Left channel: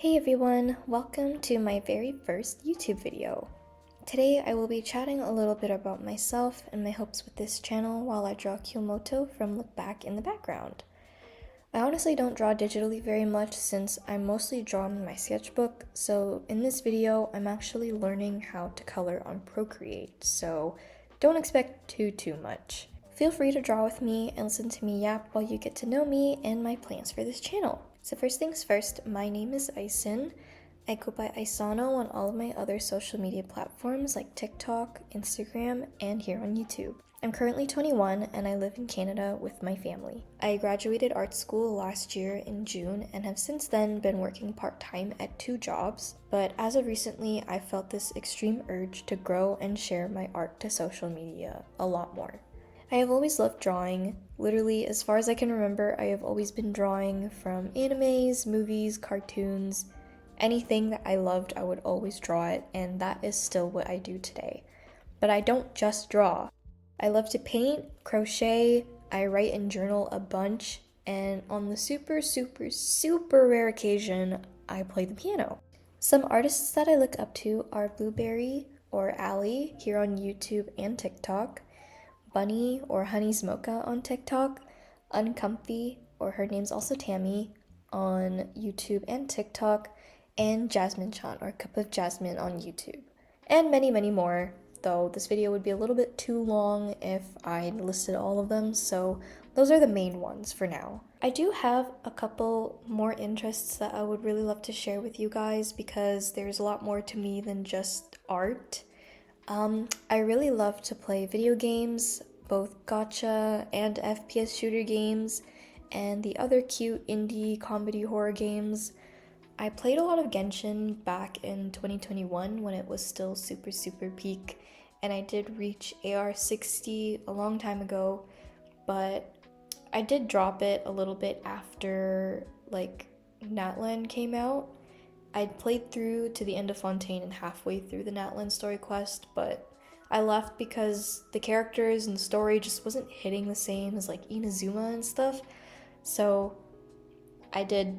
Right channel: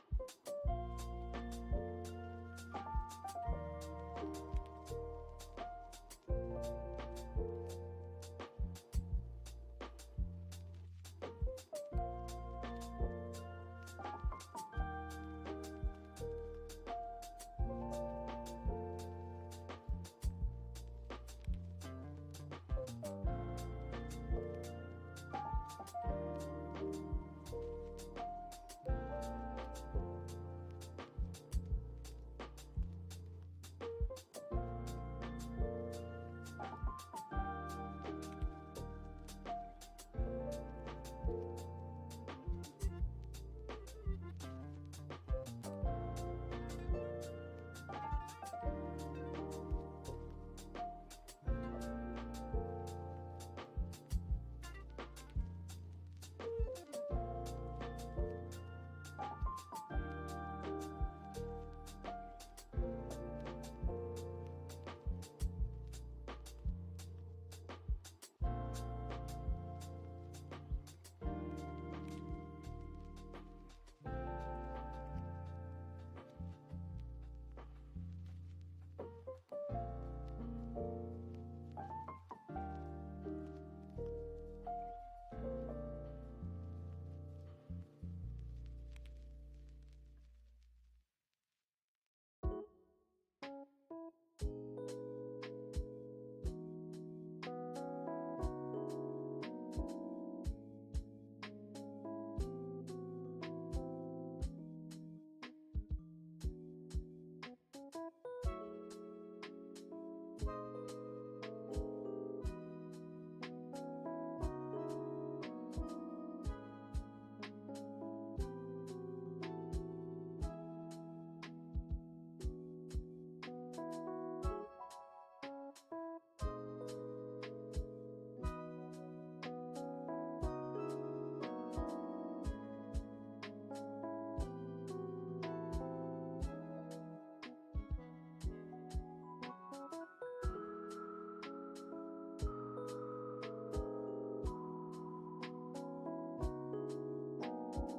Hey everyone, welcome to my very first YouTube video. Today I will be chatting a little bit about myself and my hopes with this channel while I draw Kyomoto from Look Back in the background. I honestly don't draw digitally very much since I mostly draw in my sketchbook, so in this video I'm actually learning how to color on Procreate, so don't expect too much. Feel free to draw with me and listen to me yap while you get to know me and my plans for this channel. So first things first, my name is Aisin. I go by Aisano on all of my other social media platforms like TikTok, Instagram, and here on YouTube. I'm currently 21 and I live in Canada with my family. I graduated art school last year in June and have since then been working part-time at 2 jobs, but as of recently I felt this extreme urge to grow and share my art to social media a lot more. I have always loved drawing. Literally, as far as I can remember, I have always been drawing from animes, movies, cartoons. Anything that I loved, I would always draw it, and that is still what I do today. But I don't just draw. I love to paint, crochet, I write and journal a bunch, and on the super rare occasion, I play the piano. Some artists that I look up to are Blueberry or Allie here on YouTube and TikTok, Bunny or Honey's Mocha on TikTok, Uncomfy, or her name's also Tammy, on YouTube and TikTok, and Jasmine Chan or Cup of Jasmine on YouTube. And many more, though this video would be a little bit too long if I listed all of them, so those are the main ones for now. I do have a couple more interests that I would really love to share with you guys because there's a lot more to me than just art. I really love to play video games, both gacha and FPS shooter games, and the other cute indie comedy horror games. I played a lot of Genshin back in 2021 when it was still super peak, and I did reach AR 60 a long time ago, but I did drop it a little bit after like Natlan came out. I played through to the end of Fontaine and halfway through the Natlan story quest, but I left because the characters and story just wasn't hitting the same as like Inazuma and stuff, so I did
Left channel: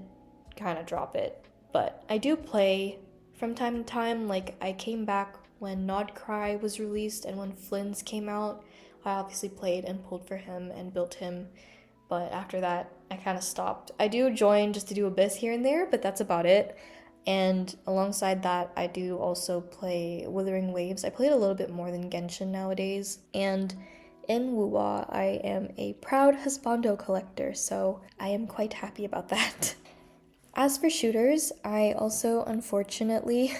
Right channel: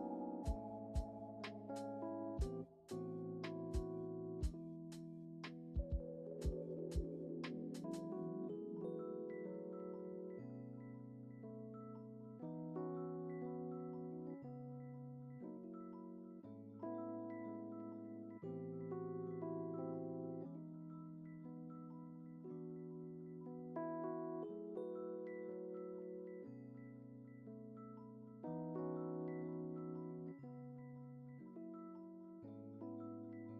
kind of drop it. But I do play from time to time. Like I came back when Nod Cry was released and when Flynn's came out. I obviously played and pulled for him and built him, but after that I kind of stopped. I do join just to do Abyss here and there, but that's about it. And alongside that, I do also play Wuthering Waves. I played a little bit more than Genshin nowadays. And in Wuwa, I am a proud husbando collector, so I am quite happy about that. As for shooters, I also unfortunately,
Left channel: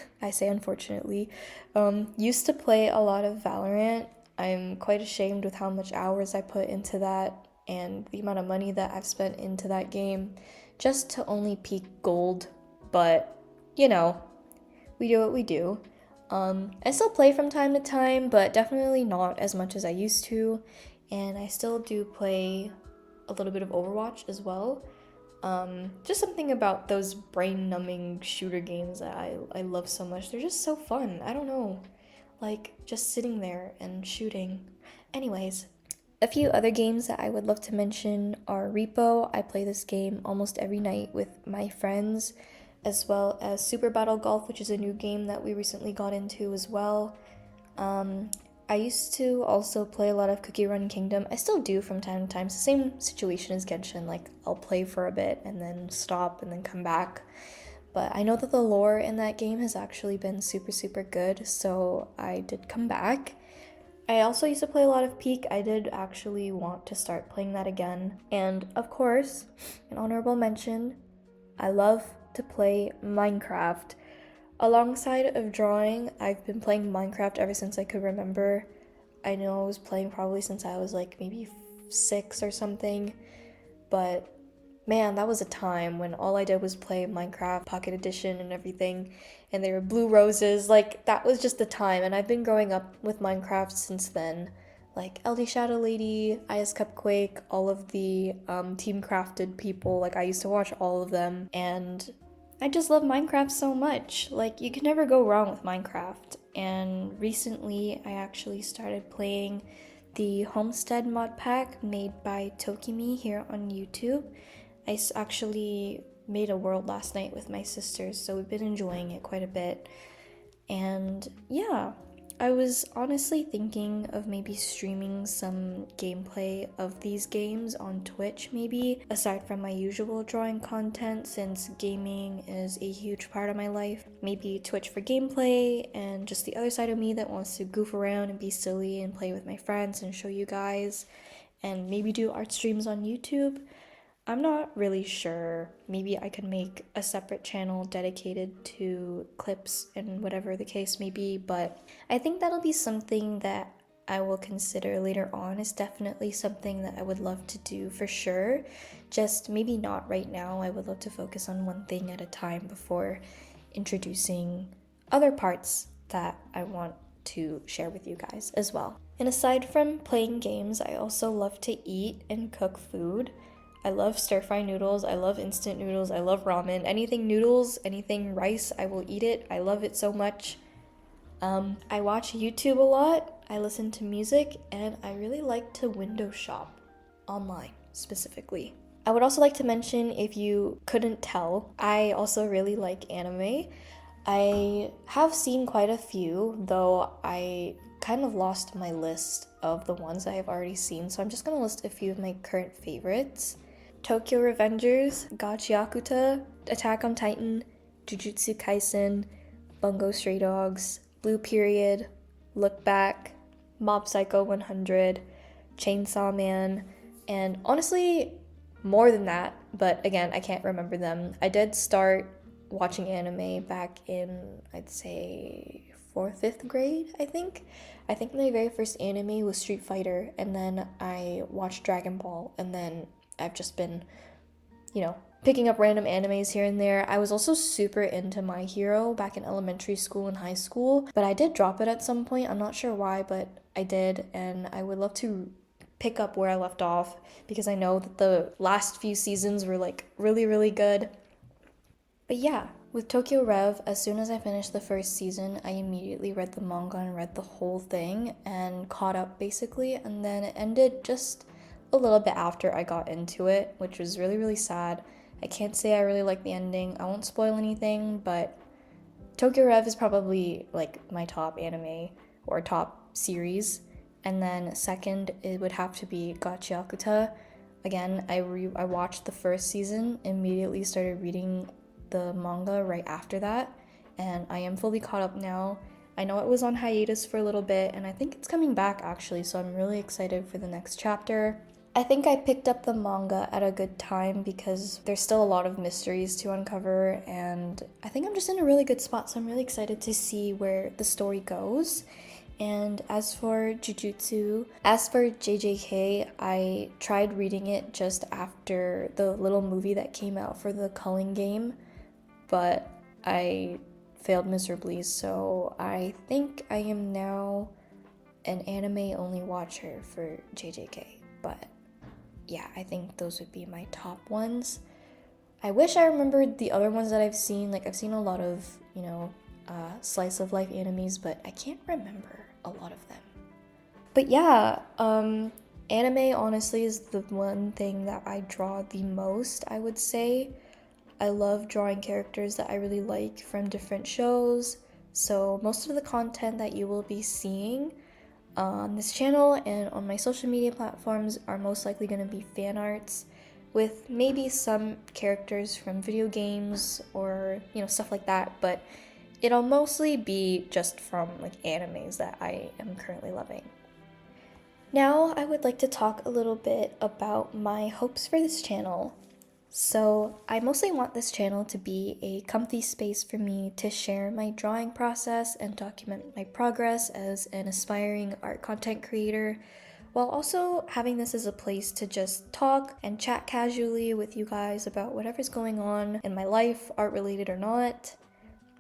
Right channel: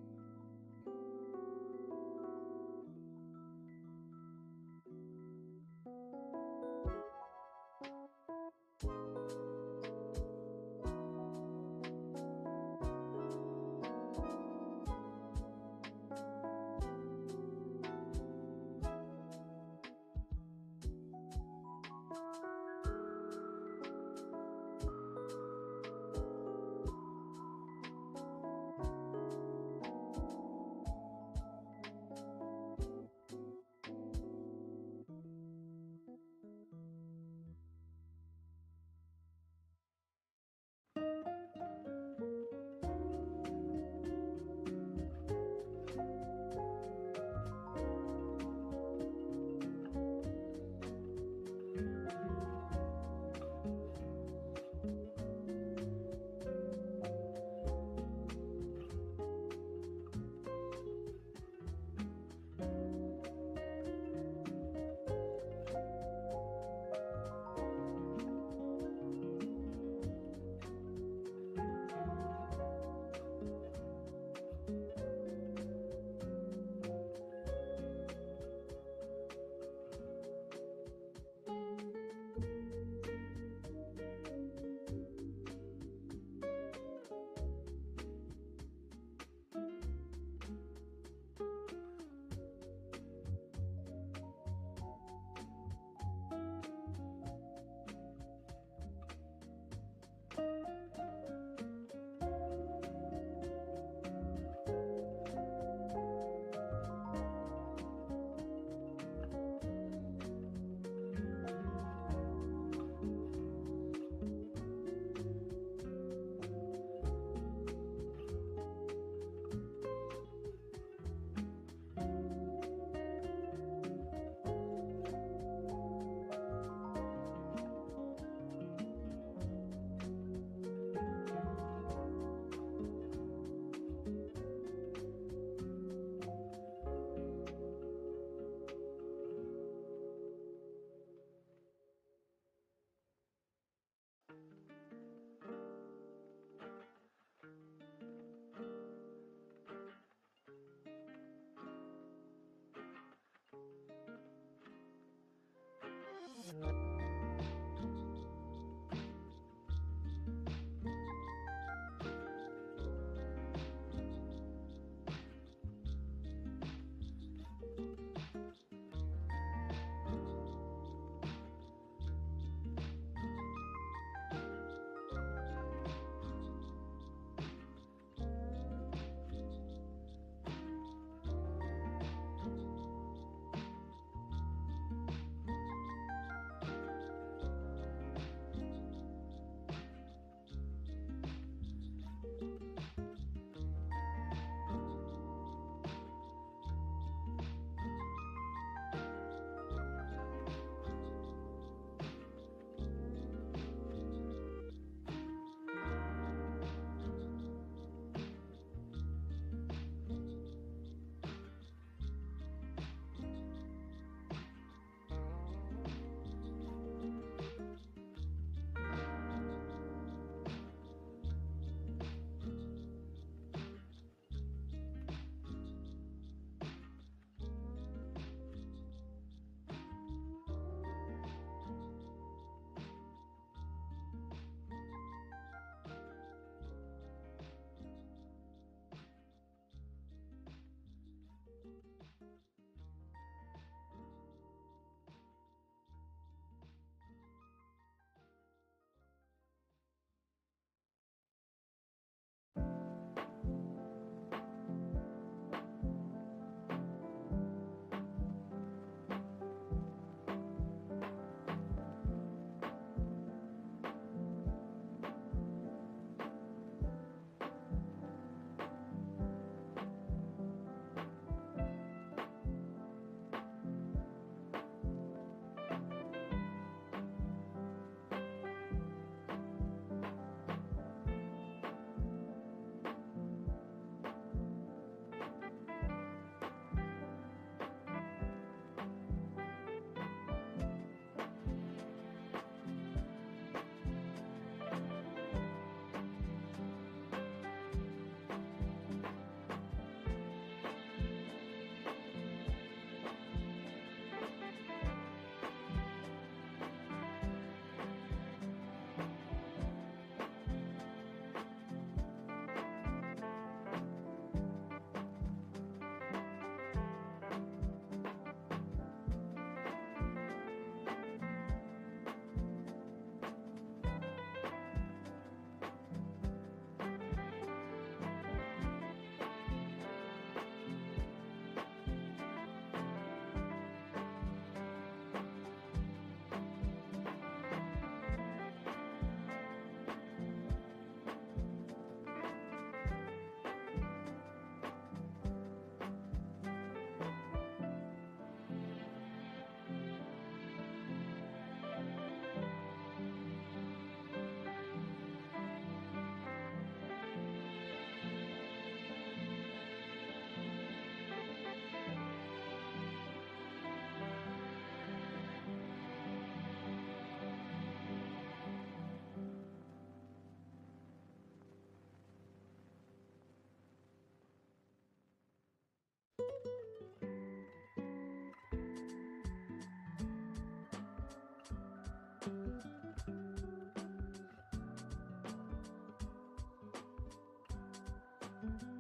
used to play a lot of Valorant. I'm quite ashamed with how much hours I put into that and the amount of money that I've spent into that game just to only peak gold, but you know, we do what we do. I still play from time to time, but definitely not as much as I used to, and I still do play a little bit of Overwatch as well. Just something about those brain-numbing shooter games that I love so much. They're just so fun. I don't know, like just sitting there and shooting. Anyways, a few other games that I would love to mention are Repo. I play this game almost every night with my friends, as well as Super Battle Golf, which is a new game that we recently got into as well. I used to also play a lot of Cookie Run Kingdom. I still do from time to time. It's the same situation as Genshin, like I'll play for a bit and then stop and then come back. But I know that the lore in that game has actually been super good, so I did come back. I also used to play a lot of Peak. I did actually want to start playing that again. And of course, an honorable mention, I love to play Minecraft. Alongside of drawing, I've been playing Minecraft ever since I could remember. I know I was playing probably since I was like maybe 6 or something, but man, that was a time when all I did was play Minecraft Pocket Edition and everything, and there were blue roses. Like that was just the time, and I've been growing up with Minecraft since then. Like LD Shadow Lady, IS Cupquake, all of the Team Crafted people, like I used to watch all of them, and I just love Minecraft so much. Like you can never go wrong with Minecraft. And recently I actually started playing the Homestead mod pack made by Tokimi here on YouTube. I actually made a world last night with my sisters, so we've been enjoying it quite a bit. And yeah, I was honestly thinking of maybe streaming some gameplay of these games on Twitch maybe, aside from my usual drawing content, since gaming is a huge part of my life. Maybe Twitch for gameplay and just the other side of me that wants to goof around and be silly and play with my friends and show you guys, and maybe do art streams on YouTube. I'm not really sure. Maybe I could make a separate channel dedicated to clips and whatever the case may be, but I think that'll be something that I will consider later on. Is definitely something that I would love to do for sure. Just maybe not right now. I would love to focus on one thing at a time before introducing other parts that I want to share with you guys as well. And aside from playing games, I also love to eat and cook food. I love stir-fry noodles, I love instant noodles, I love ramen. Anything noodles, anything rice, I will eat it. I love it so much. I watch YouTube a lot, I listen to music, and I really like to window shop online specifically. I would also like to mention, if you couldn't tell, I also really like anime. I have seen quite a few, though I kind of lost my list of the ones I have already seen, so I'm just gonna list a few of my current favorites. Tokyo Revengers, Gachiakuta, Attack on Titan, Jujutsu Kaisen, Bungo Stray Dogs, Blue Period, Look Back, Mob Psycho 100, Chainsaw Man, and honestly, more than that, but again, I can't remember them. I did start watching anime back in, I'd say, 4th, 5th grade, I think. I think my very first anime was Street Fighter, and then I watched Dragon Ball, and then I've just been, picking up random animes here and there. I was also super into My Hero back in elementary school and high school, but I did drop it at some point. I'm not sure why, but I did, and I would love to pick up where I left off, because I know that the last few seasons were like really, really good. But yeah, with Tokyo Rev, as soon as I finished the first season, I immediately read the manga and read the whole thing and caught up basically, and then it ended just a little bit after I got into it, which was really, really sad. I can't say I really like the ending. I won't spoil anything, but Tokyo Rev is probably like my top anime or top series. And then second, it would have to be Gachiakuta. Again, I watched the first season, immediately started reading the manga right after that, and I am fully caught up now. I know it was on hiatus for a little bit, and I think it's coming back actually, so I'm really excited for the next chapter. I think I picked up the manga at a good time because there's still a lot of mysteries to uncover, and I think I'm just in a really good spot, so I'm really excited to see where the story goes. And as for JJK, I tried reading it just after the little movie that came out for the Culling game, but I failed miserably, so I think I am now an anime-only watcher for JJK, but yeah, I think those would be my top ones. I wish I remembered the other ones that I've seen. Like, I've seen a lot of, slice of life animes, but I can't remember a lot of them. But yeah, anime honestly is the one thing that I draw the most, I would say. I love drawing characters that I really like from different shows, so most of the content that you will be seeing on this channel and on my social media platforms are most likely going to be fan arts, with maybe some characters from video games or stuff like that, but it'll mostly be just from like animes that I am currently loving. Now I would like to talk a little bit about my hopes for this channel. So I mostly want this channel to be a comfy space for me to share my drawing process and document my progress as an aspiring art content creator, while also having this as a place to just talk and chat casually with you guys about whatever's going on in my life, art related or not.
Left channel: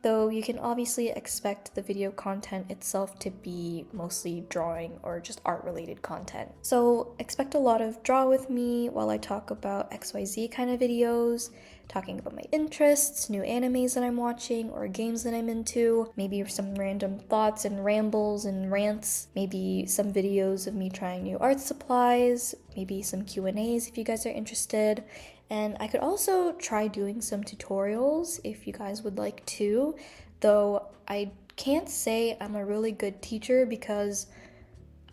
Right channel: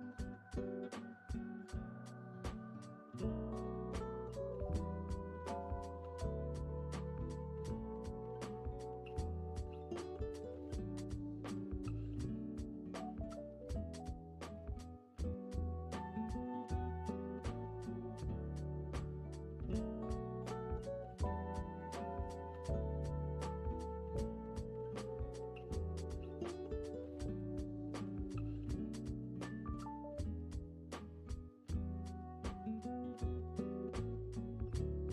Though you can obviously expect the video content itself to be mostly drawing or just art related content. So expect a lot of draw with me while I talk about XYZ kind of videos, talking about my interests, new animes that I'm watching or games that I'm into, maybe some random thoughts and rambles and rants, maybe some videos of me trying new art supplies, maybe some Q&As if you guys are interested, And I could also try doing some tutorials if you guys would like to, though I can't say I'm a really good teacher because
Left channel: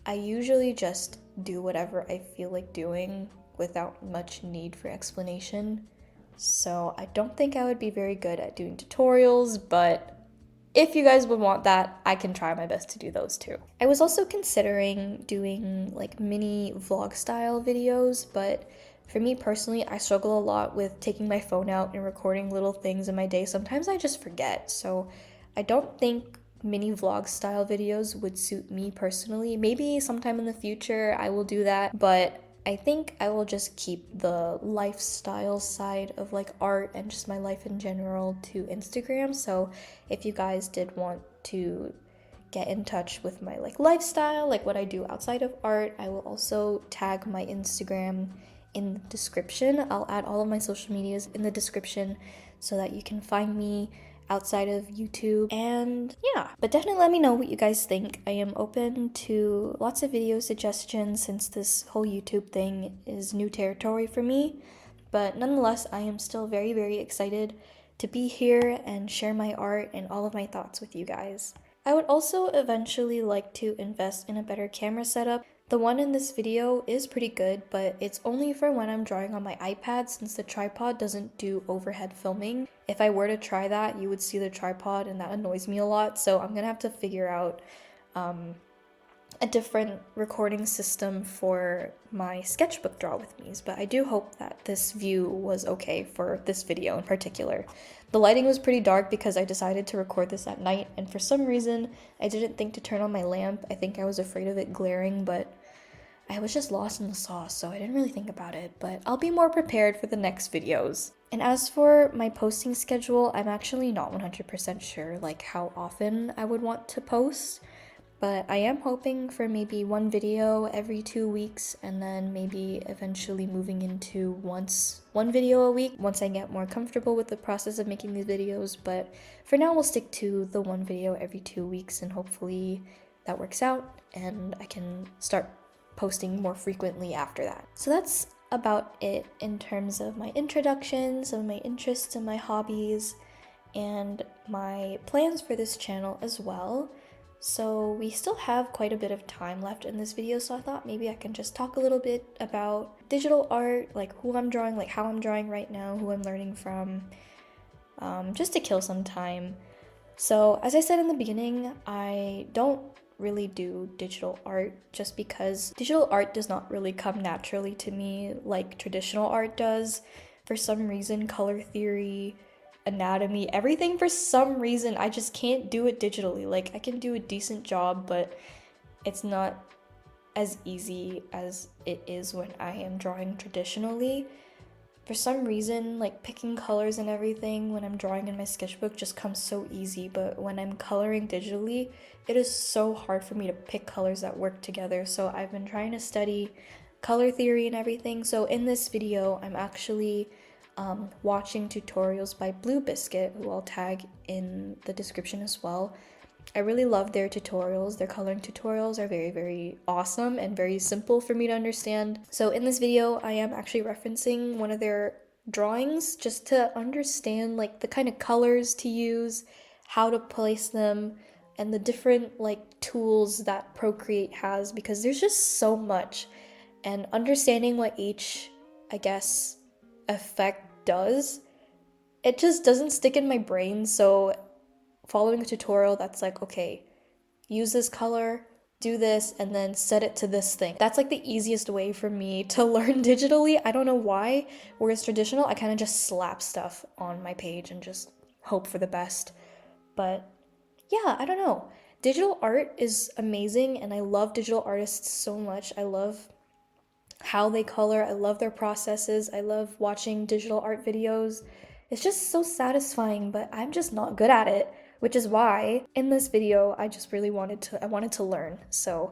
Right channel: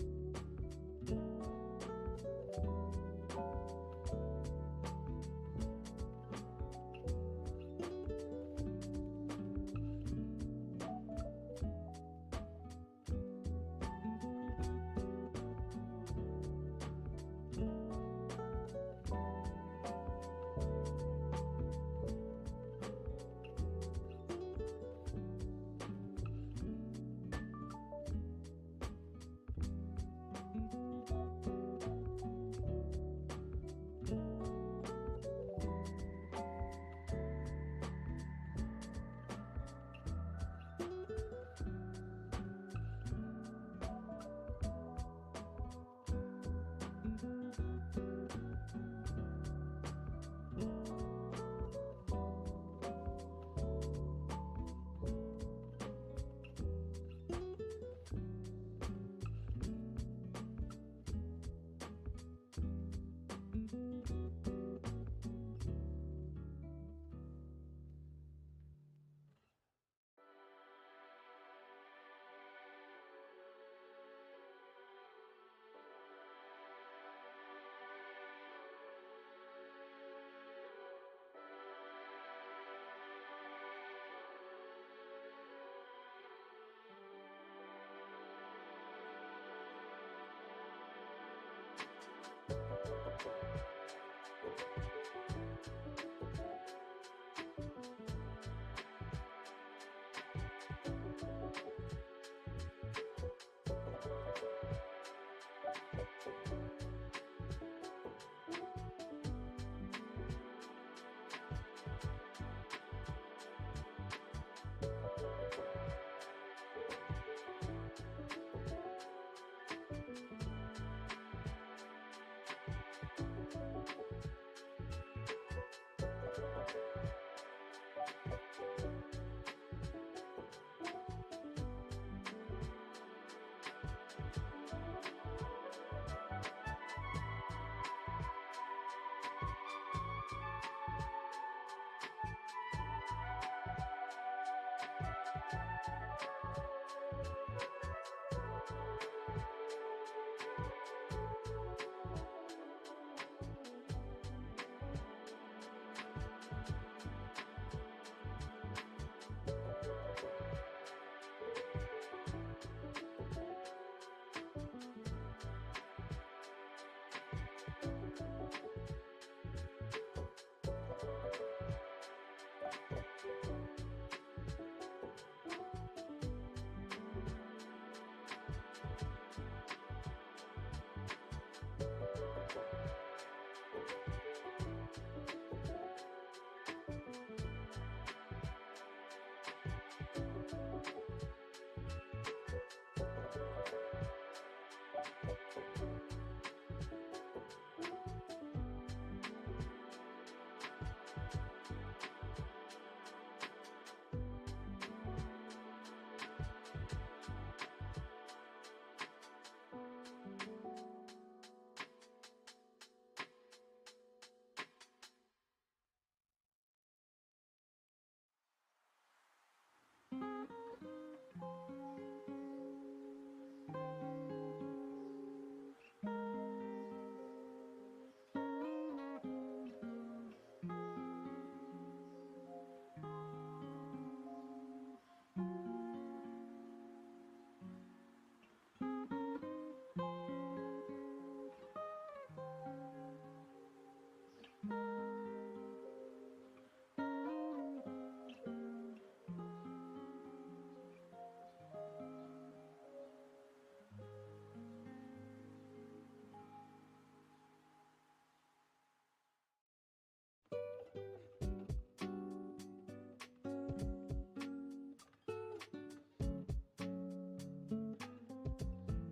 I usually just do whatever I feel like doing without much need for explanation. So I don't think I would be very good at doing tutorials, but if you guys would want that, I can try my best to do those too. I was also considering doing like mini vlog style videos, but for me personally, I struggle a lot with taking my phone out and recording little things in my day. Sometimes I just forget, so I don't think mini vlog style videos would suit me personally. Maybe sometime in the future I will do that, but I think I will just keep the lifestyle side of like art and just my life in general to Instagram. So if you guys did want to get in touch with my like lifestyle, like what I do outside of art, I will also tag my Instagram in the description. I'll add all of my social medias in the description so that you can find me outside of YouTube. And yeah, but definitely let me know what you guys think. I am open to lots of video suggestions since this whole YouTube thing is new territory for me, but nonetheless I am still very, very excited to be here and share my art and all of my thoughts with you guys. I would also eventually like to invest in a better camera setup. The one in this video is pretty good, but it's only for when I'm drawing on my iPad since the tripod doesn't do overhead filming. If I were to try that, you would see the tripod and that annoys me a lot, so I'm gonna have to figure out a different recording system for my sketchbook draw with me's, but I do hope that this view was okay for this video in particular. The lighting was pretty dark because I decided to record this at night, and for some reason I didn't think to turn on my lamp. I think I was afraid of it glaring, but I was just lost in the sauce, so I didn't really think about it, but I'll be more prepared for the next videos. And as for my posting schedule, I'm actually not 100% sure like how often I would want to post, but I am hoping for maybe one video every 2 weeks and then maybe eventually moving into one video a week once I get more comfortable with the process of making these videos. But for now we'll stick to the one video every 2 weeks, and hopefully that works out and I can start posting more frequently after that. So that's about it in terms of my introductions of my interests and my hobbies and my plans for this channel as well. So we still have quite a bit of time left in this video, so I thought maybe I can just talk a little bit about digital art, like who I'm drawing, like how I'm drawing right now, who I'm learning from, just to kill some time. So as I said in the beginning, I don't really do digital art just because digital art does not really come naturally to me like traditional art does. For some reason, color theory, anatomy, everything, for some reason I just can't do it digitally. Like I can do a decent job, but it's not as easy as it is when I am drawing traditionally. For some reason, like picking colors and everything when I'm drawing in my sketchbook just comes so easy, but when I'm coloring digitally, it is so hard for me to pick colors that work together. So I've been trying to study color theory and everything. So in this video, I'm actually watching tutorials by Blue Biscuit, who I'll tag in the description as well. I really love their tutorials. Their coloring tutorials are very, very awesome and very simple for me to understand. So in this video, I am actually referencing one of their drawings just to understand like the kind of colors to use, how to place them, and the different like tools that Procreate has, because there's just so much, and understanding what each, I guess, effect does, it just doesn't stick in my brain. So following a tutorial that's like, okay, use this color, do this, and then set it to this thing, that's like the easiest way for me to learn digitally. I don't know why. Whereas traditional, I kind of just slap stuff on my page and just hope for the best. But yeah, I don't know. Digital art is amazing, and I love digital artists so much. I love how they color, I love their processes, I love watching digital art videos. It's just so satisfying, but I'm just not good at it, which is why in this video I just really wanted to learn. So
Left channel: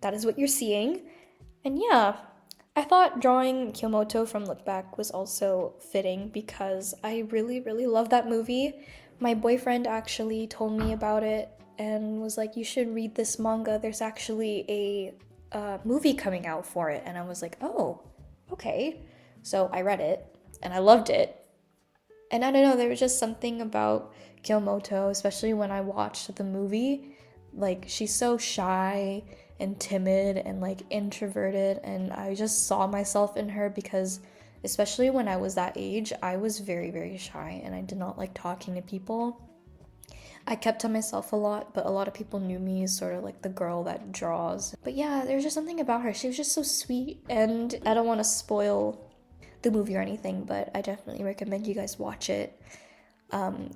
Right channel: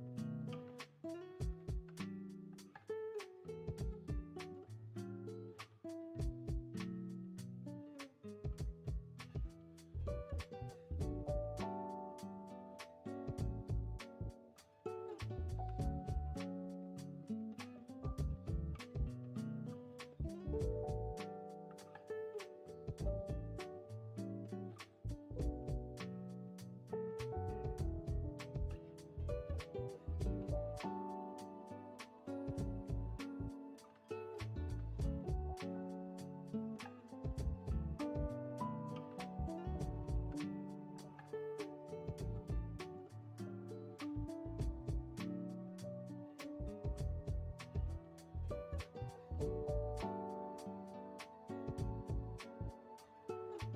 that is what you're seeing. And yeah, I thought drawing Kyomoto from Look Back was also fitting because I really, really love that movie. My boyfriend actually told me about it and was like, you should read this manga, there's actually a movie coming out for it. And I was like, oh, okay. So I read it, and I loved it. And I don't know, there was just something about Kyomoto, especially when I watched the movie. Like, she's so shy and timid and like introverted, and I just saw myself in her because especially when I was that age, I was very, very shy and I did not like talking to people. I kept to myself a lot, but a lot of people knew me as sort of like the girl that draws. But yeah, there's just something about her. She was just so sweet, and I don't want to spoil the movie or anything, but I definitely recommend you guys watch it.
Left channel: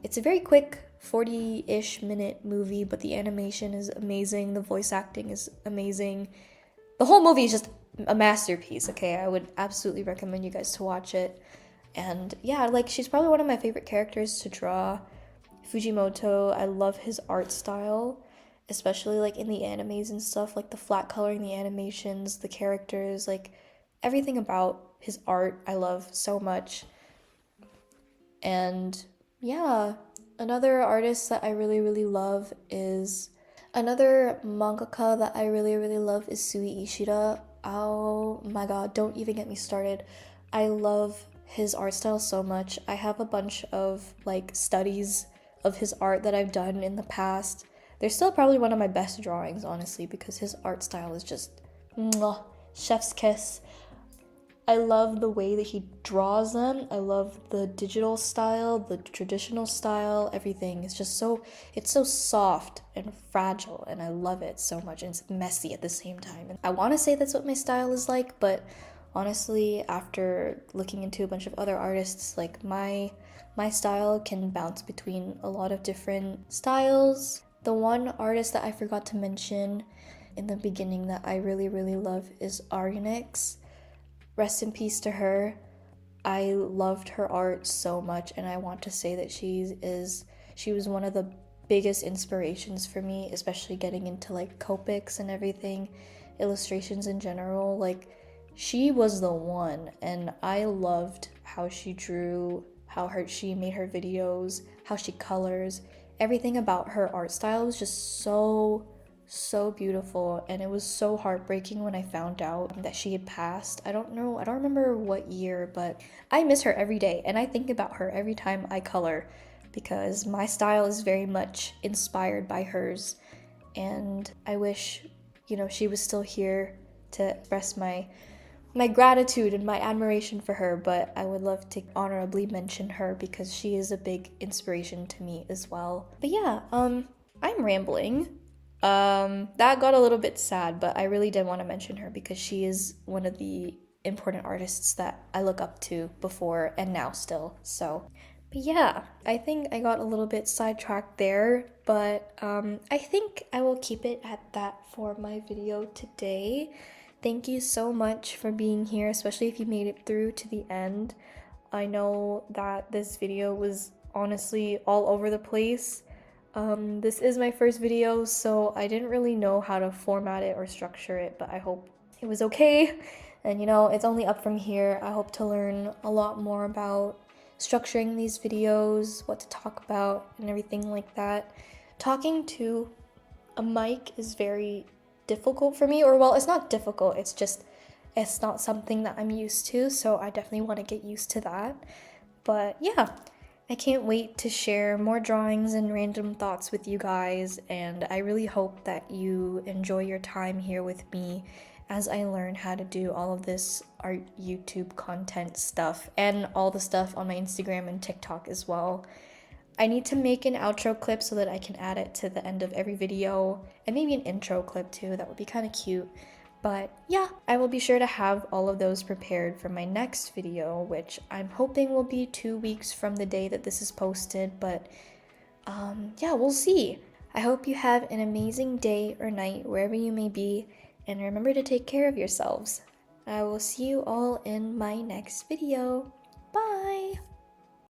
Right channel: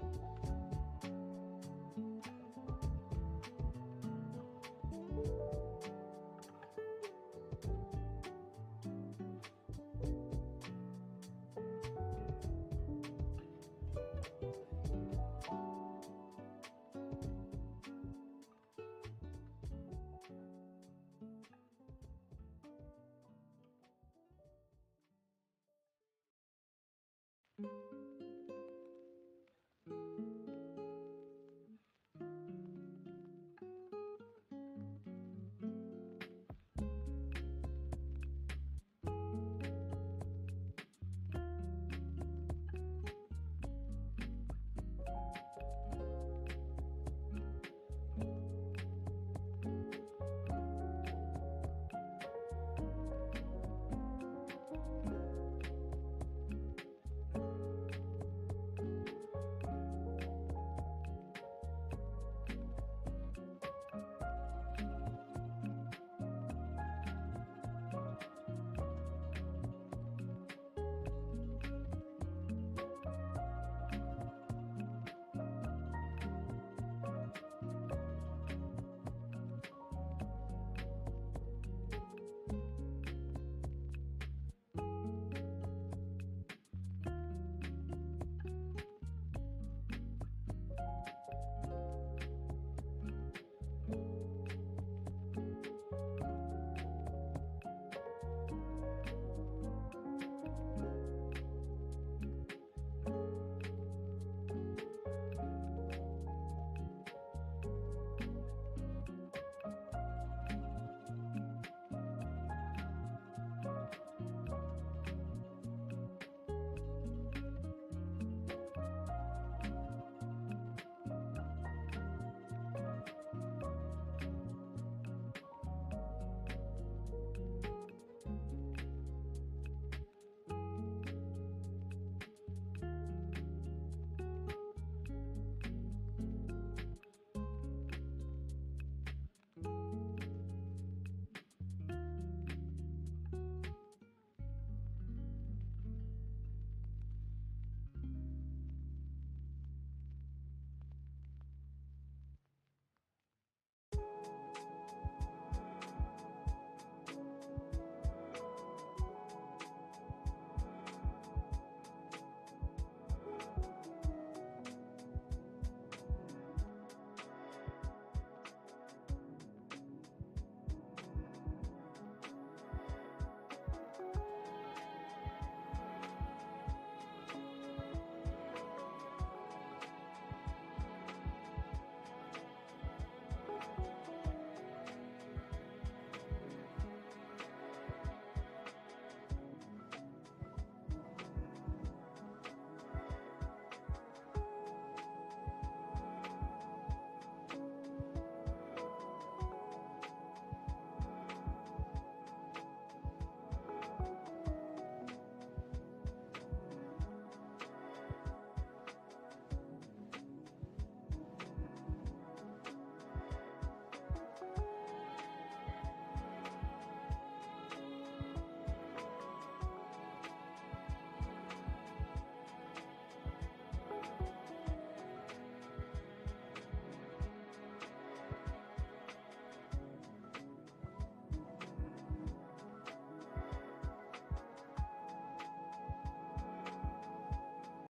It's a very quick 40-ish minute movie, but the animation is amazing, the voice acting is amazing. The whole movie is just a masterpiece, okay? I would absolutely recommend you guys to watch it. And yeah, like, she's probably one of my favorite characters to draw. Fujimoto, I love his art style, especially like in the animes and stuff, like the flat coloring, the animations, the characters, like everything about his art I love so much. And yeah, another artist that I really, really love is another mangaka that I really, really love is Sui Ishida. Oh my god, don't even get me started. I love his art style so much. I have a bunch of like studies of his art that I've done in the past. They're still probably one of my best drawings, honestly, because his art style is just mwah, chef's kiss. I love the way that he draws them. I love the digital style, the traditional style, everything. It's so soft and fragile, and I love it so much, and it's messy at the same time. I want to say that's what my style is like, but honestly, after looking into a bunch of other artists, like my style can bounce between a lot of different styles. The one artist that I forgot to mention in the beginning that I really, really love is Argonix. Rest in peace to her. I loved her art so much, and I want to say that she was one of the biggest inspirations for me, especially getting into like Copics and everything, illustrations in general. Like, she was the one, and I loved how she drew, how she made her videos, how she colors. Everything about her art style was just so beautiful, and it was so heartbreaking when I found out that she had passed. I don't remember what year, but I miss her every day, and I think about her every time I color because my style is very much inspired by hers, and I wish, she was still here to express my gratitude and my admiration for her, but I would love to honorably mention her because she is a big inspiration to me as well. But yeah, I'm rambling. That got a little bit sad, but I really did want to mention her because she is one of the important artists that I look up to before and now still. So, but yeah, I think I got a little bit sidetracked there, but I think I will keep it at that for my video today. Thank you so much for being here, especially if you made it through to the end. I know that this video was honestly all over the place. This is my first video, so I didn't really know how to format it or structure it, but I hope it was okay. And it's only up from here. I hope to learn a lot more about structuring these videos, what to talk about, and everything like that. Talking to a mic is very difficult for me, or well, it's not difficult, it's not something that I'm used to, so I definitely want to get used to that. But yeah, I can't wait to share more drawings and random thoughts with you guys, and I really hope that you enjoy your time here with me as I learn how to do all of this art YouTube content stuff and all the stuff on my Instagram and TikTok as well. I need to make an outro clip so that I can add it to the end of every video, and maybe an intro clip too. That would be kind of cute. But yeah, I will be sure to have all of those prepared for my next video, which I'm hoping will be 2 weeks from the day that this is posted, but yeah, we'll see. I hope you have an amazing day or night wherever you may be, and remember to take care of yourselves. I will see you all in my next video. Bye!